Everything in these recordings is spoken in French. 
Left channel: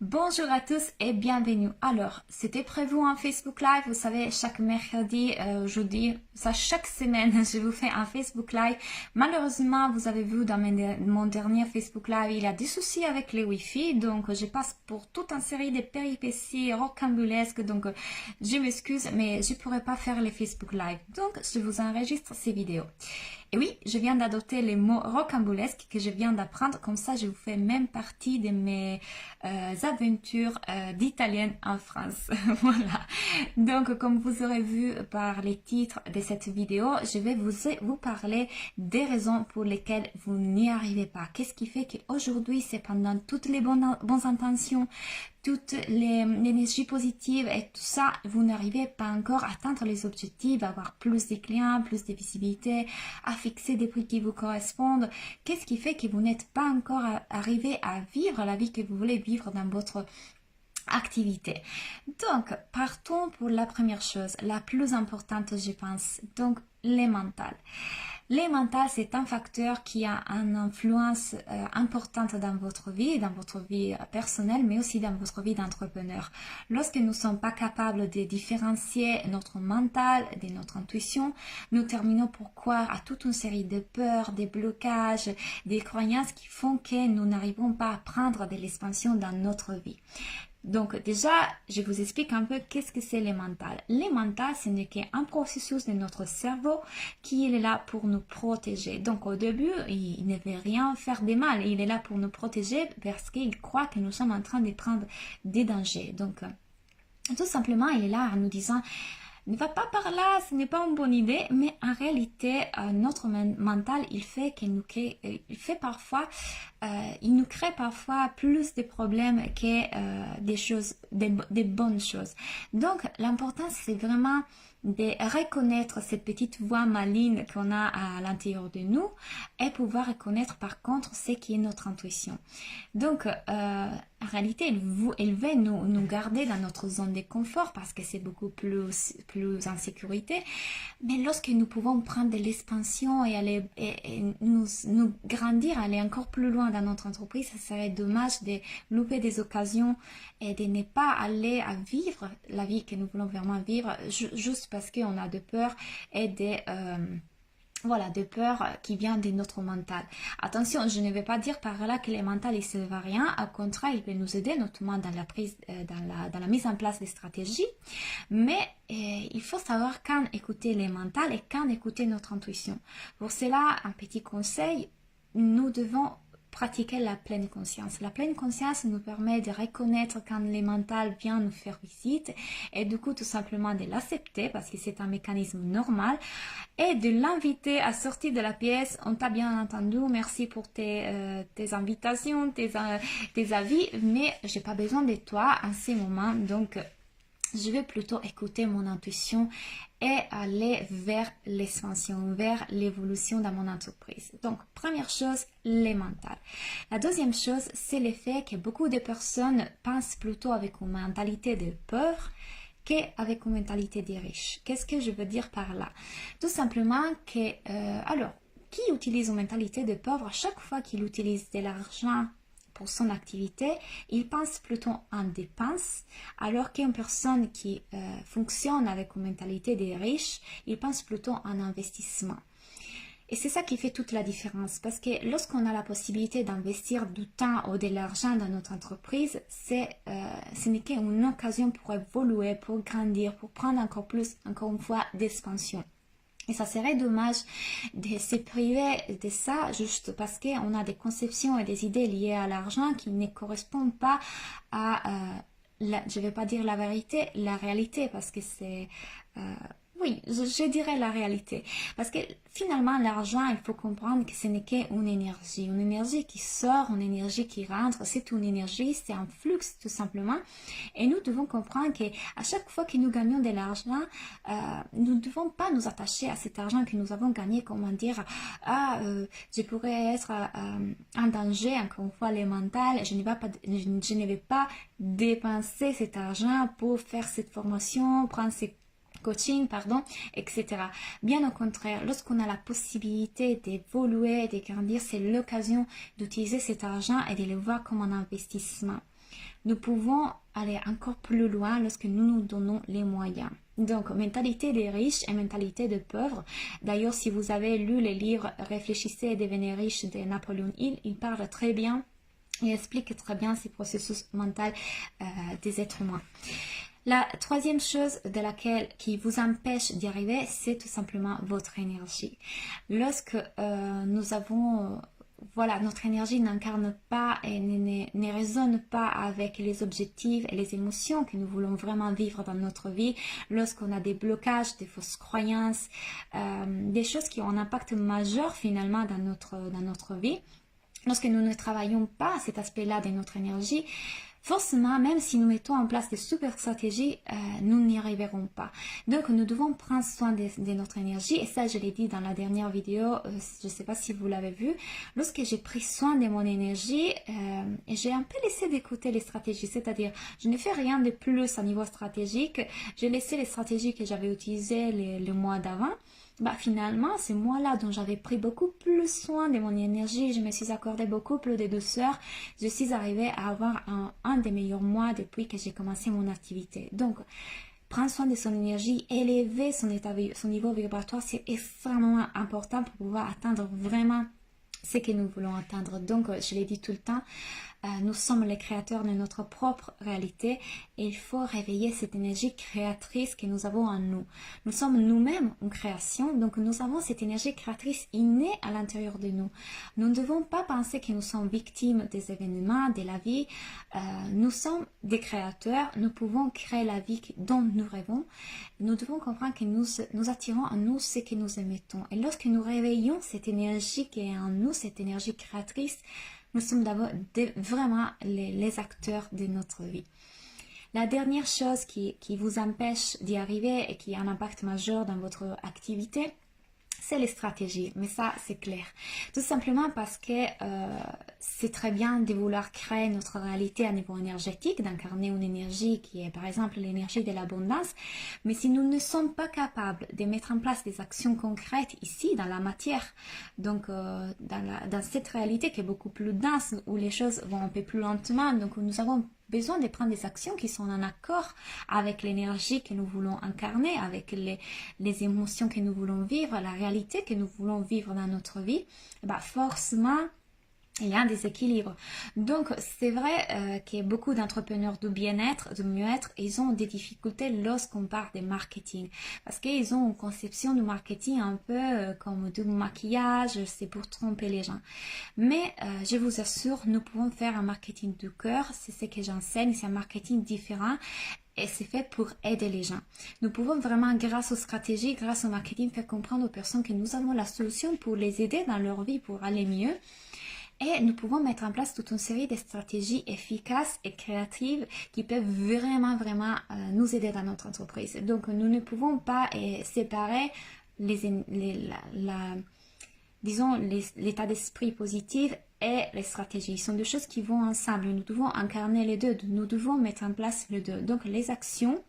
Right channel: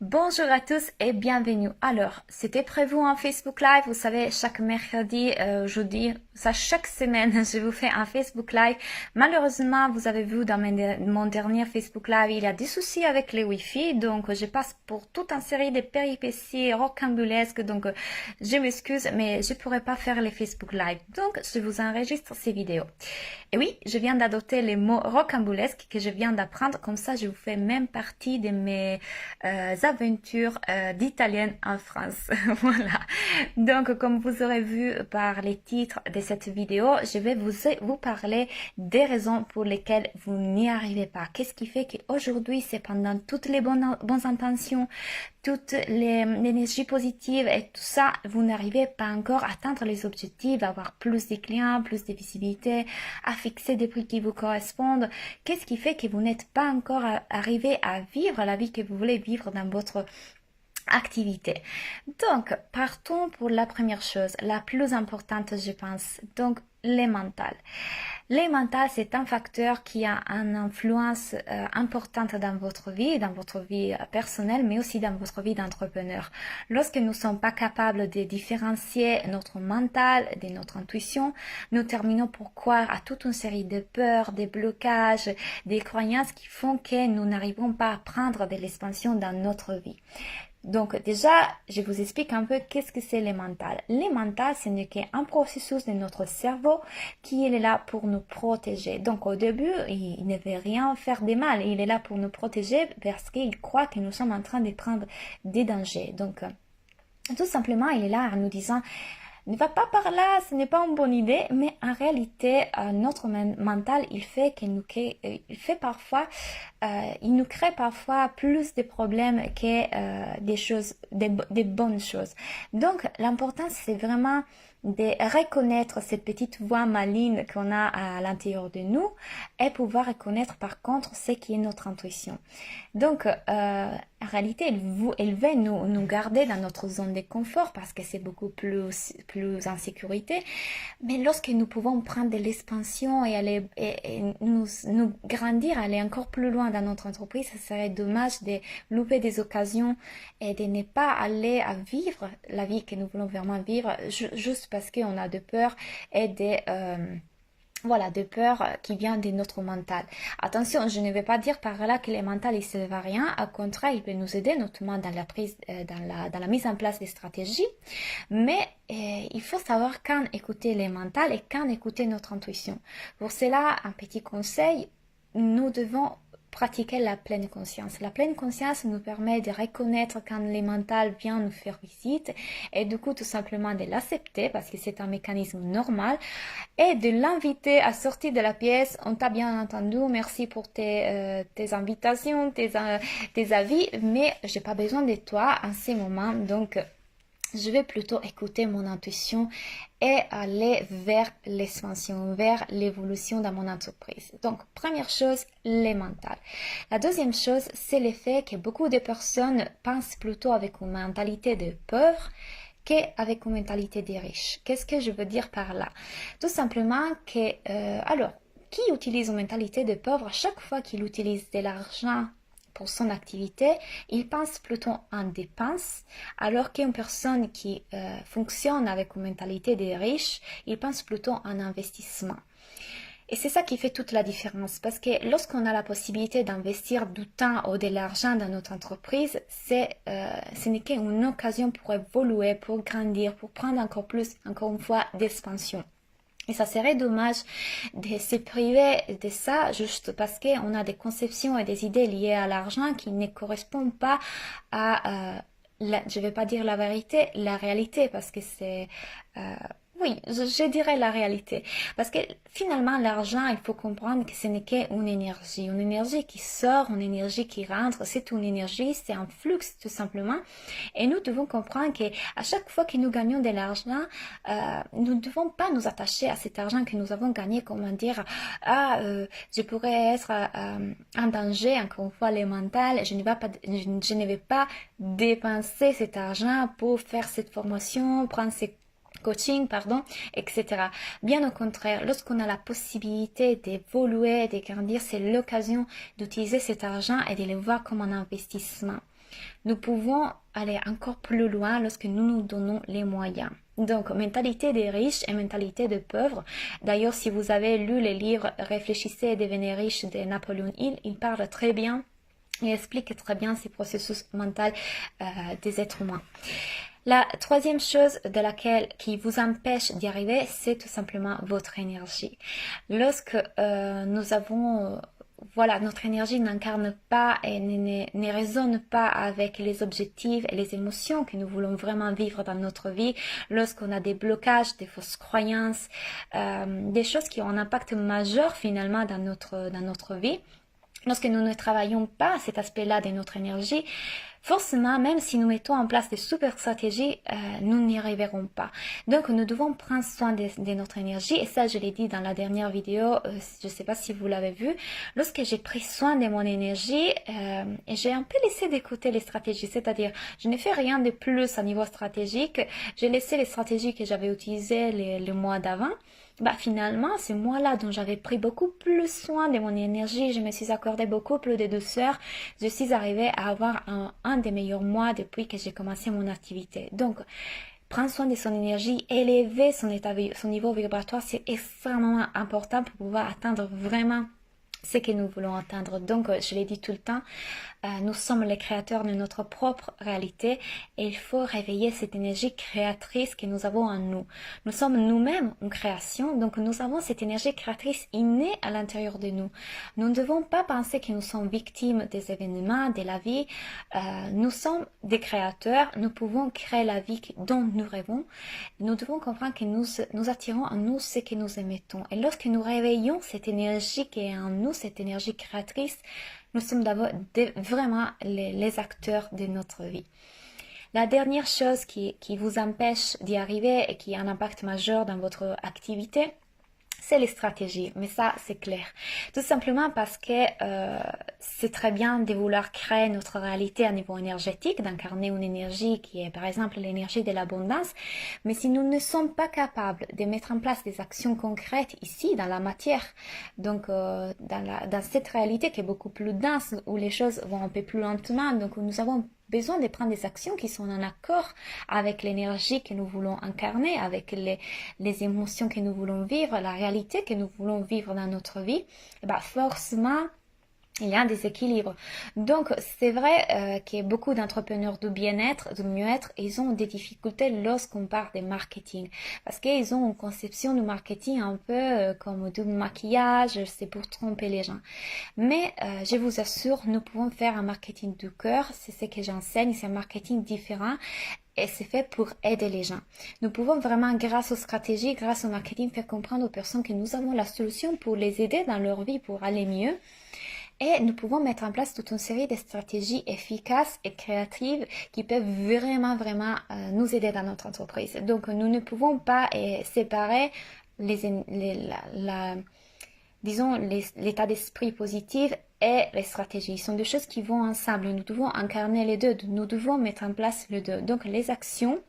Bonjour à tous et bienvenue. Alors, c'était prévu un Facebook Live, vous savez, chaque mercredi, jeudi, ça chaque semaine, je vous fais un Facebook Live. Malheureusement, vous avez vu dans mon dernier Facebook Live, il a des soucis avec le Wi-Fi, donc je passe pour toute une série de péripéties rocambolesques, donc je m'excuse, mais je ne pourrai pas faire les Facebook Live. Donc, je vous enregistre ces vidéos. Et oui, je viens d'adopter les mots rocambolesques que je viens d'apprendre, comme ça je vous fais même partie de mes aventures d'italienne en France. Voilà. Donc, comme vous aurez vu par les titres de cette vidéo, je vais vous parler des raisons pour lesquelles vous n'y arrivez pas. Qu'est-ce qui fait qu'aujourd'hui, c'est pendant toutes les bonnes intentions, toute l'énergie positive et tout ça, vous n'arrivez pas encore à atteindre les objectifs, à avoir plus de clients, plus de visibilité, à fixer des prix qui vous correspondent. Qu'est-ce qui fait que vous n'êtes pas encore arrivé à vivre la vie que vous voulez vivre dans votre activité? Donc, partons pour la première chose, la plus importante, je pense. Donc, les mentales. Les mentales, c'est un facteur qui a une influence importante dans votre vie personnelle, mais aussi dans votre vie d'entrepreneur. Lorsque nous ne sommes pas capables de différencier notre mental de notre intuition, nous terminons pour croire à toute une série de peurs, des blocages, des croyances qui font que nous n'arrivons pas à prendre de l'expansion dans notre vie. Donc déjà, je vous explique un peu qu'est-ce que c'est les mentales. Les mentales, ce n'est qu'un processus de notre cerveau qui est là pour nous protéger. Donc au début, il ne veut rien faire de mal. Il est là pour nous protéger parce qu'il croit que nous sommes en train de prendre des dangers. Donc tout simplement, il est là en nous disant: ne va pas par là, ce n'est pas une bonne idée, mais en réalité, notre mental, il nous crée parfois plus de problèmes que des bonnes choses. Donc, l'important, c'est vraiment de reconnaître ces petites voix malignes qu'on a à l'intérieur de nous et pouvoir reconnaître par contre ce qui est notre intuition. Donc, en réalité, elle veut nous garder dans notre zone de confort parce que c'est beaucoup plus en sécurité. Mais lorsque nous pouvons prendre de l'expansion et nous grandir, aller encore plus loin dans notre entreprise, ce serait dommage de louper des occasions et de ne pas aller à vivre la vie que nous voulons vraiment vivre juste parce qu'on a de peur et de peur qui vient de notre mental. Attention, je ne vais pas dire par là que le mental ne servent à rien. Au contraire, il peut nous aider notamment dans la mise en place des stratégies. Mais il faut savoir quand écouter les mentales et quand écouter notre intuition. Pour cela, un petit conseil, nous devons pratiquer la pleine conscience. La pleine conscience nous permet de reconnaître quand les mentales viennent nous faire visite et du coup tout simplement de l'accepter parce que c'est un mécanisme normal et de l'inviter à sortir de la pièce. On t'a bien entendu, merci pour tes invitations, tes avis, mais j'ai pas besoin de toi en ce moment, donc je vais plutôt écouter mon intuition et aller vers l'expansion, vers l'évolution dans mon entreprise. Donc, première chose, les mentales. La deuxième chose, c'est le fait que beaucoup de personnes pensent plutôt avec une mentalité de pauvre qu'avec une mentalité de riche. Qu'est-ce que je veux dire par là? Tout simplement que, qui utilise une mentalité de pauvre, à chaque fois qu'il utilise de l'argent pour son activité, il pense plutôt en dépenses, alors qu'une personne qui fonctionne avec une mentalité de riche, il pense plutôt en investissement. Et c'est ça qui fait toute la différence, parce que lorsqu'on a la possibilité d'investir du temps ou de l'argent dans notre entreprise, ce n'est qu'une occasion pour évoluer, pour grandir, pour prendre encore plus, encore une fois, d'expansion. Et ça serait dommage de se priver de ça juste parce qu'on a des conceptions et des idées liées à l'argent qui ne correspondent pas à, je ne vais pas dire la vérité, la réalité, parce que c'est... oui, je dirais la réalité. Parce que finalement, l'argent, il faut comprendre que ce n'est qu'une énergie. Une énergie qui sort, une énergie qui rentre. C'est une énergie, c'est un flux tout simplement. Et nous devons comprendre qu'à chaque fois que nous gagnons de l'argent, nous ne devons pas nous attacher à cet argent que nous avons gagné, comment dire, je pourrais être en danger, encore une fois, le mental. Je ne vais pas dépenser cet argent pour faire cette formation, prendre ces coaching, etc. Bien au contraire, lorsqu'on a la possibilité d'évoluer, de grandir, c'est l'occasion d'utiliser cet argent et de le voir comme un investissement. nous pouvons aller encore plus loin lorsque nous nous donnons les moyens. Donc, mentalité des riches et mentalité des pauvres. D'ailleurs, si vous avez lu les livres Réfléchissez et devenez riche de Napoléon Hill, il parle très bien et explique très bien ces processus mentaux des êtres humains. La troisième chose qui vous empêche d'y arriver, c'est tout simplement votre énergie. Lorsque nous avons... voilà, notre énergie n'incarne pas et ne résonne pas avec les objectifs et les émotions que nous voulons vraiment vivre dans notre vie, lorsqu'on a des blocages, des fausses croyances, des choses qui ont un impact majeur finalement dans notre vie, lorsque nous ne travaillons pas cet aspect-là de notre énergie, forcément, même si nous mettons en place des super stratégies, nous n'y arriverons pas. Donc, nous devons prendre soin de notre énergie. Et ça, je l'ai dit dans la dernière vidéo, je ne sais pas si vous l'avez vu. Lorsque j'ai pris soin de mon énergie, j'ai un peu laissé de côté les stratégies. C'est-à-dire, je n'ai fait rien de plus à niveau stratégique. J'ai laissé les stratégies que j'avais utilisées le mois d'avant. Bah finalement, ce mois-là dont j'avais pris beaucoup plus soin de mon énergie, je me suis accordé beaucoup plus de douceur, je suis arrivée à avoir un des meilleurs mois depuis que j'ai commencé mon activité. Donc, prendre soin de son énergie, élever son niveau vibratoire, c'est extrêmement important pour pouvoir atteindre vraiment ce que nous voulons atteindre. Donc, je l'ai dit tout le temps, nous sommes les créateurs de notre propre réalité et il faut réveiller cette énergie créatrice que nous avons en nous. Nous sommes nous-mêmes une création, donc nous avons cette énergie créatrice innée à l'intérieur de nous. Nous ne devons pas penser que nous sommes victimes des événements, de la vie. Nous sommes des créateurs, nous pouvons créer la vie dont nous rêvons. Nous devons comprendre que nous attirons en nous ce que nous émettons. Et lorsque nous réveillons cette énergie qui est en nous, cette énergie créatrice, nous sommes vraiment les acteurs de notre vie. La dernière chose qui vous empêche d'y arriver et qui a un impact majeur dans votre activité, c'est les stratégies, mais ça c'est clair. Tout simplement parce que c'est très bien de vouloir créer notre réalité à niveau énergétique, d'incarner une énergie qui est par exemple l'énergie de l'abondance, mais si nous ne sommes pas capables de mettre en place des actions concrètes ici dans la matière, donc dans cette réalité qui est beaucoup plus dense, où les choses vont un peu plus lentement, donc nous avons besoin de prendre des actions qui sont en accord avec l'énergie que nous voulons incarner, avec les émotions que nous voulons vivre, la réalité que nous voulons vivre dans notre vie, bah forcément, il y a un déséquilibre. Donc, c'est vrai que beaucoup d'entrepreneurs de bien-être, de mieux-être, ils ont des difficultés lorsqu'on parle de marketing. Parce qu'ils ont une conception du marketing un peu comme du maquillage, c'est pour tromper les gens. Mais je vous assure, nous pouvons faire un marketing du cœur, c'est ce que j'enseigne, c'est un marketing différent. Et c'est fait pour aider les gens. Nous pouvons vraiment, grâce aux stratégies, grâce au marketing, faire comprendre aux personnes que nous avons la solution pour les aider dans leur vie, pour aller mieux. Et nous pouvons mettre en place toute une série de stratégies efficaces et créatives qui peuvent vraiment nous aider dans notre entreprise. Donc, nous ne pouvons pas séparer l'état d'esprit positif et les stratégies. Ce sont deux choses qui vont ensemble. Nous devons incarner les deux. Nous devons mettre en place les deux. Donc, les actions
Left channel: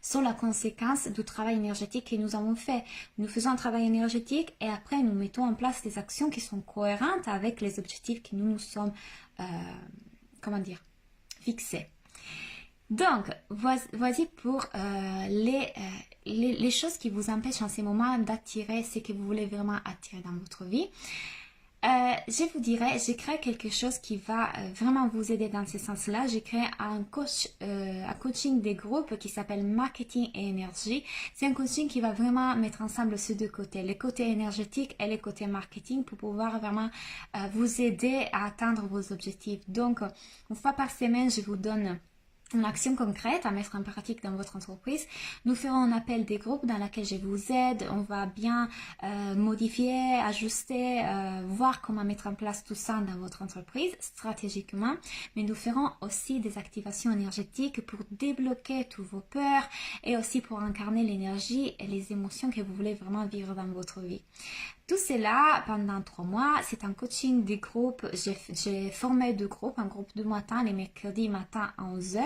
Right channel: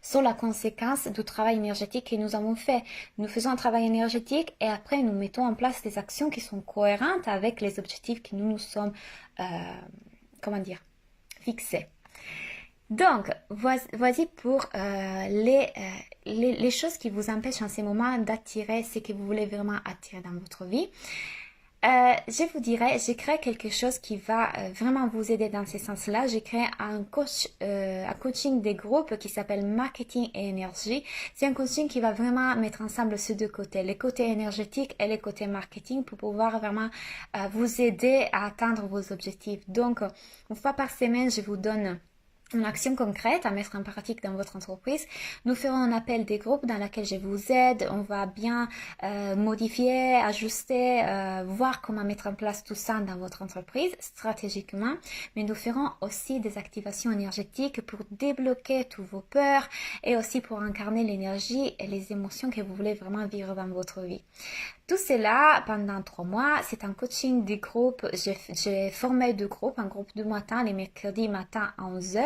sont la conséquence du travail énergétique que nous avons fait. Nous faisons un travail énergétique et après nous mettons en place des actions qui sont cohérentes avec les objectifs que nous nous sommes, fixés. Donc, voici pour les choses qui vous empêchent en ce moment d'attirer ce que vous voulez vraiment attirer dans votre vie. Je vous dirais, j'ai créé quelque chose qui va vraiment vous aider dans ce sens-là. J'ai créé un coaching des groupes qui s'appelle Marketing et Énergie. C'est un coaching qui va vraiment mettre ensemble ces deux côtés, les côtés énergétiques et les côtés marketing, pour pouvoir vraiment vous aider à atteindre vos objectifs. Donc, une fois par semaine, je vous donne une action concrète à mettre en pratique dans votre entreprise. Nous ferons un appel des groupes dans lequel je vous aide. On va bien modifier, ajuster, voir comment mettre en place tout ça dans votre entreprise stratégiquement. Mais nous ferons aussi des activations énergétiques pour débloquer tous vos peurs et aussi pour incarner l'énergie et les émotions que vous voulez vraiment vivre dans votre vie. Tout cela pendant 3 mois, c'est un coaching de groupe. J'ai formé 2 groupes, un groupe du matin, les mercredis matin à 11h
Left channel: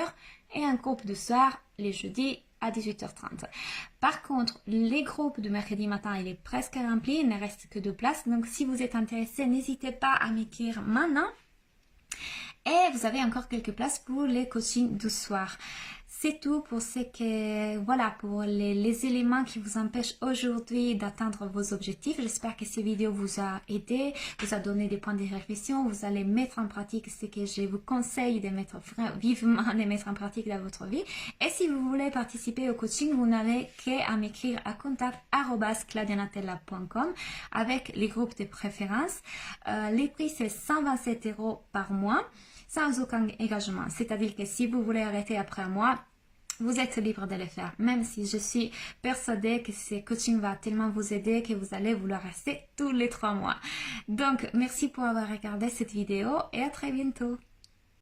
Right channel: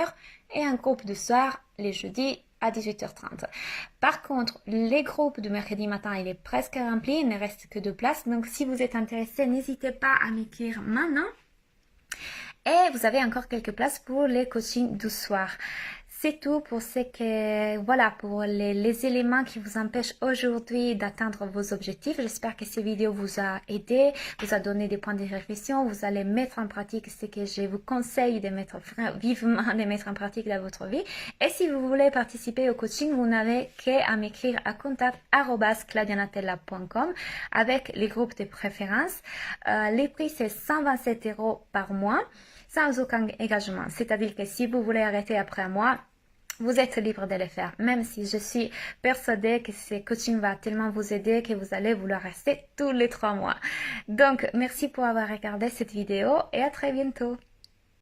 et un groupe du soir, les jeudis à 18h30. Par contre, les groupes de mercredi matin, il est presque rempli, il ne reste que 2 places. Donc, si vous êtes intéressé, n'hésitez pas à m'écrire maintenant. Et vous avez encore quelques places pour les coachings du soir. C'est tout pour ce que, voilà, pour les éléments qui vous empêchent aujourd'hui d'atteindre vos objectifs. J'espère que cette vidéo vous a aidé, vous a donné des points de réflexion. Vous allez mettre en pratique ce que je vous conseille de mettre vivement, de mettre en pratique dans votre vie. Et si vous voulez participer au coaching, vous n'avez qu'à m'écrire à contact@claudianatella.com avec les groupes de préférence. Les prix, c'est 127 € par mois, sans aucun engagement. C'est-à-dire que si vous voulez arrêter après un mois, vous êtes libre de le faire, même si je suis persuadée que ce coaching va tellement vous aider que vous allez vouloir rester tous les 3 mois. Donc, merci pour avoir regardé cette vidéo et à très bientôt.